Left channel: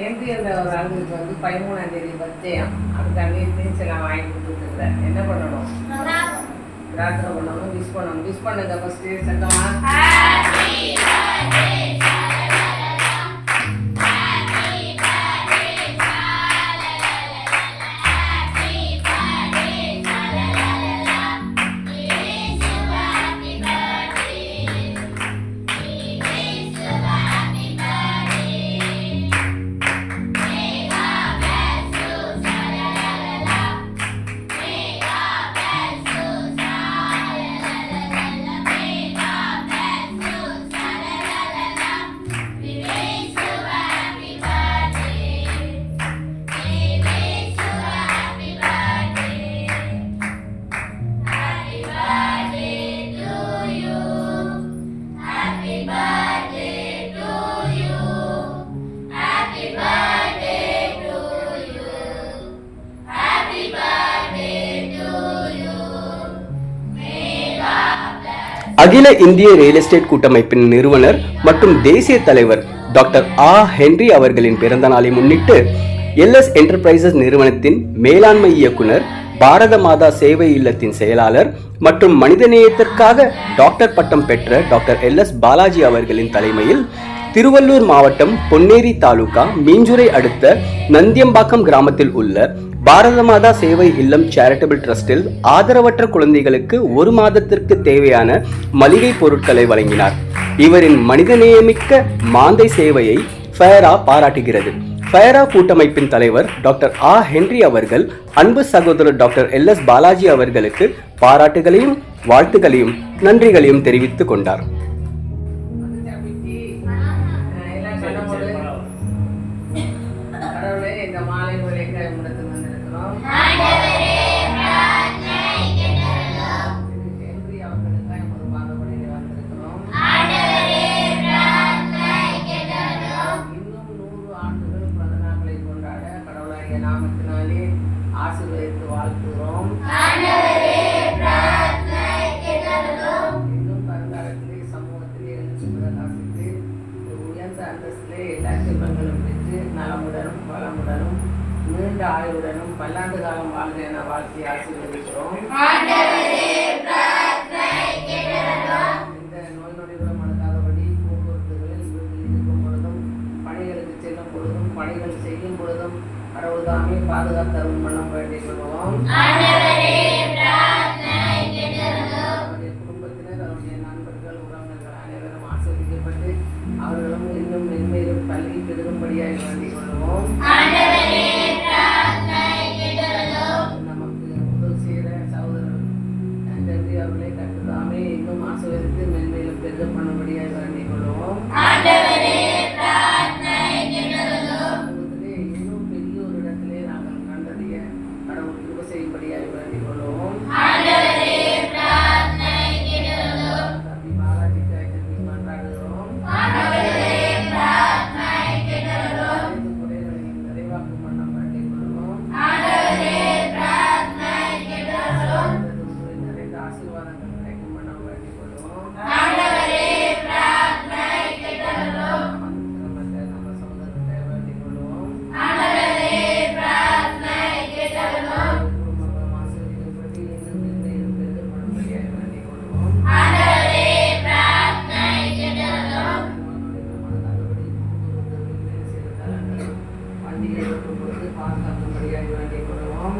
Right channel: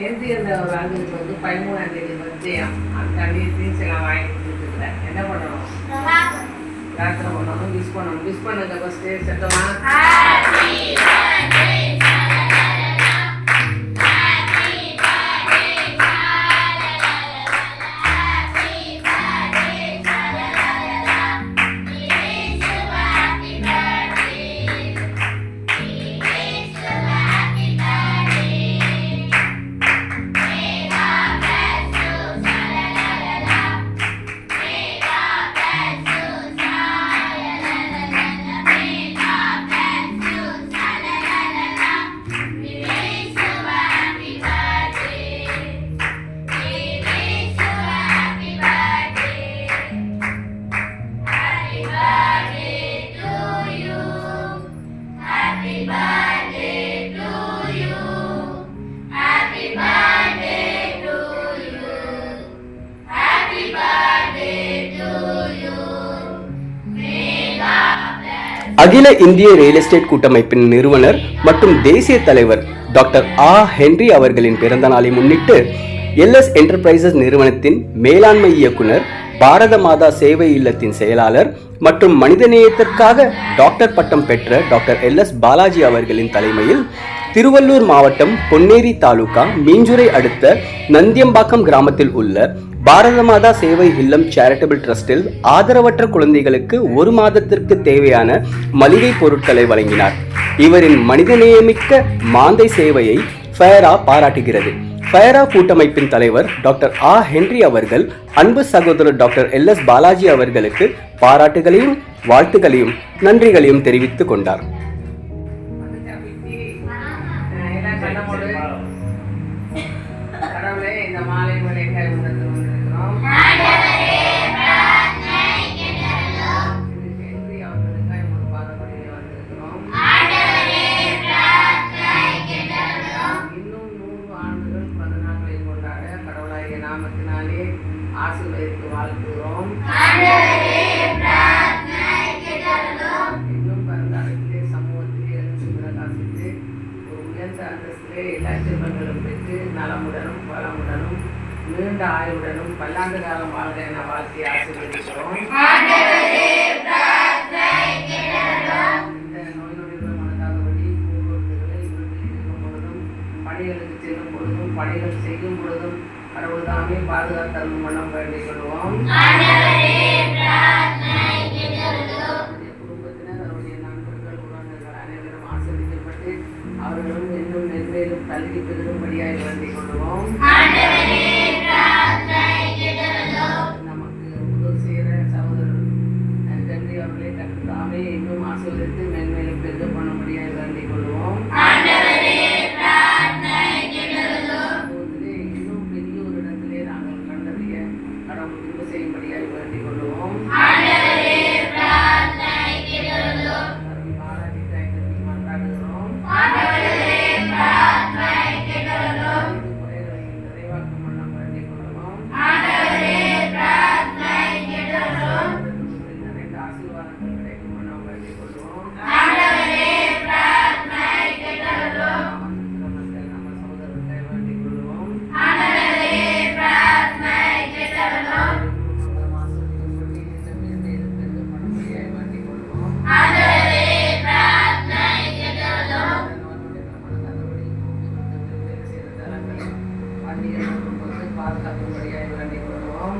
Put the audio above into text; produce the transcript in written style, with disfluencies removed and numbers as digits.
Henry என்ற ஒரு ஆளுக்கு வந்து 13ஆம் தேதி பர்த்டேயா, அதுக்காண்டி திங்ஸ் எல்லாம் வாங்கி கொடுத்துருக்குறேன். என்ன பண்ணணும்? பிரார்த்தனை பண்ணணும், விஷ் பண்ணணும். விஷ் பண்ணுங்க ஃபஸ்ட்டு சத்தமா. அகில இந்திய ரியல் எஸ்டேட் கூட்டமைப்பின் நிறுவனர் மற்றும் தேசிய தலைவர் டாக்டர் ஹென்றி அவர்களின் பிறந்த நாளை முன்னிட்டு எல்எஸ் என்டர்பிரைசஸ் நிறுவனத்தின் மேலாண்மை இயக்குனர், பாரத மாதா சேவை இல்லத்தின் செயலாளர் மற்றும் மனிதநேயத்திற்காக டாக்டர் பட்டம் பெற்ற டாக்டர் எல்எஸ் பாலாஜி அவர்களின் தலைமையில் திருவள்ளூர் மாவட்டம் பொன்னேரி தாலுகா மீஞ்சுரை அடுத்த நந்தியம்பாக்கம் கிராமத்தில் உள்ள பாரத மாதா சேவை இல்லம் சேரிட்டபிள் டிரஸ்டில் ஆதரவற்ற குழந்தைகளுக்கு 1 மாதத்திற்கு தேவையான மளிகை பொருட்களை வழங்கினார். இவரின் மனிதநேயமிக்க மாந்தை சேவையை ஃபயரா பாராட்டுகிறது. ஃபயரா கூட்டமைப்பின் தலைவர் டாக்டர் ஹென்றி அவர்கள் அன்பு சகோதரர் டாக்டர் எல்எஸ் பாலாஜி அவர்களுக்கு பாராட்டுகளையும் வாழ்த்துக்களையும் நன்றிகளையும் தெரிவித்துக் கொண்டார். இந்த மாலை வேலைகளை முடத்து வந்திருக்கிறோம். ஹென்றி அவர்களுக்காக ஒரு பாதப்படியை வந்திருக்கிறோம். இன்னும் 100 ஆண்டுகள் பிறந்த நாட்களை கொண்டாட கடவுளாகிய நாமத்தினாலே ஆசீர்வதித்து வாழ்த்துகிறோம். இன்னும் வருங்காலத்திலே சமூகத்திலே எழுந்து பிரகாசித்து ஒரு உயர்ந்த அந்தஸ்திலே எல்லா செல்வங்களும் பெற்று நலமுடனும் வளமுடனும் நீண்ட ஆயுளுடனும் பல்லாண்டு காலம் வாழ்க என வாழ்த்தி ஆசீர்வதிக்கிறோம். இந்த நோய் நொடியுடன் மனதாதபடி பூங்கொருந்துகளை வீட்டில் இருக்கும் பொழுதும் பணிகளுக்கு செல்லும் பொழுதும் பணிகள் செய்யும் பொழுதும் கடவுள் தாமே பாதுகாத்தரும் மனம் வேண்டிக் கொள்வோம். அவருடைய குடும்பத்தினர், அவருடைய நண்பர்கள், உறவினர்கள் அனைவரும் ஆசீர்வதிக்கப்பட்டு அவர்களும் இன்னும் மென்மேலும் கல்வி பெருகும்படியாக வேண்டிக் கொள்வோம். நமக்கு உதவி செய்கிற சகோதரர் ஹென்றி அவர்களை கற்றுக்காமே இன்னும் ஆசீர்வதித்து மென்மேலும் பெருக பண்ணும்படியாக வேண்டிக் கொள்வோம். இன்னும் பெரிய ஒரு இடத்திலே நாங்கள் கண்டறிய கடவுள் திரும்ப செய்யும்படியாக வேண்டிக் கொள்வோம். கல்வி மாறாதிக்காய் கல்வி மாற்றாடுகிறோம். நிறைவாக்கும் மன்னம் வேண்டிக் கொள்வோம். நிறைந்த ஆசீர்வாதங்கள் கிடைக்கும் மன்னம் வேண்டிக் கொள்வோம். நம்ம சகோதரர்களை வேண்டிக் கொள்வோம். குடும்பங்கள் ஆசீர்வதிக்கும் பண்ணி இன்னும் மென்மேலும் பெருக பண்ணும்படியாக வேண்டிக் கொள்வோம். பண்டிகை பாதுகாக்கும்படியாக வேண்டிக் கொள்வோம்.